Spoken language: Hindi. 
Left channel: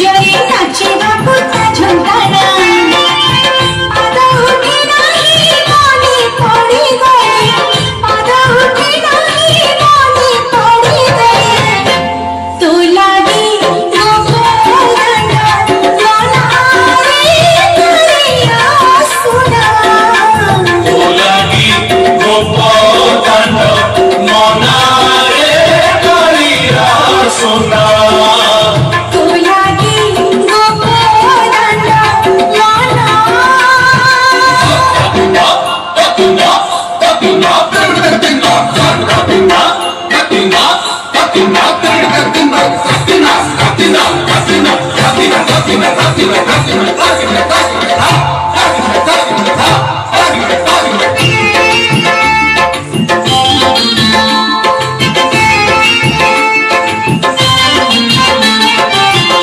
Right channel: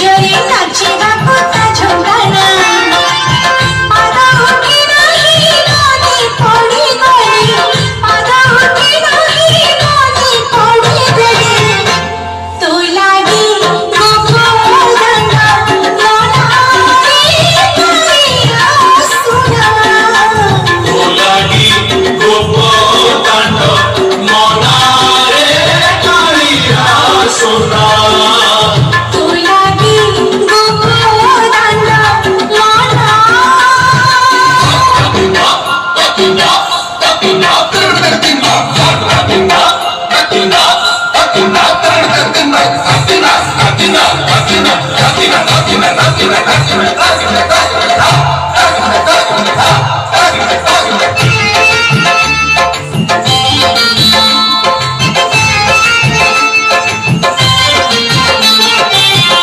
जोई नाचिबाकू ता झुमकाना पादा उठे नाही मने पड़ी गई पादा उठे नहीं मने पड़ी गई तो लागी गोपालना लोना रे करिया सुना तो लागी गोपालना लोना रे करिया सुना तो लागी गोपालना लोना Latina,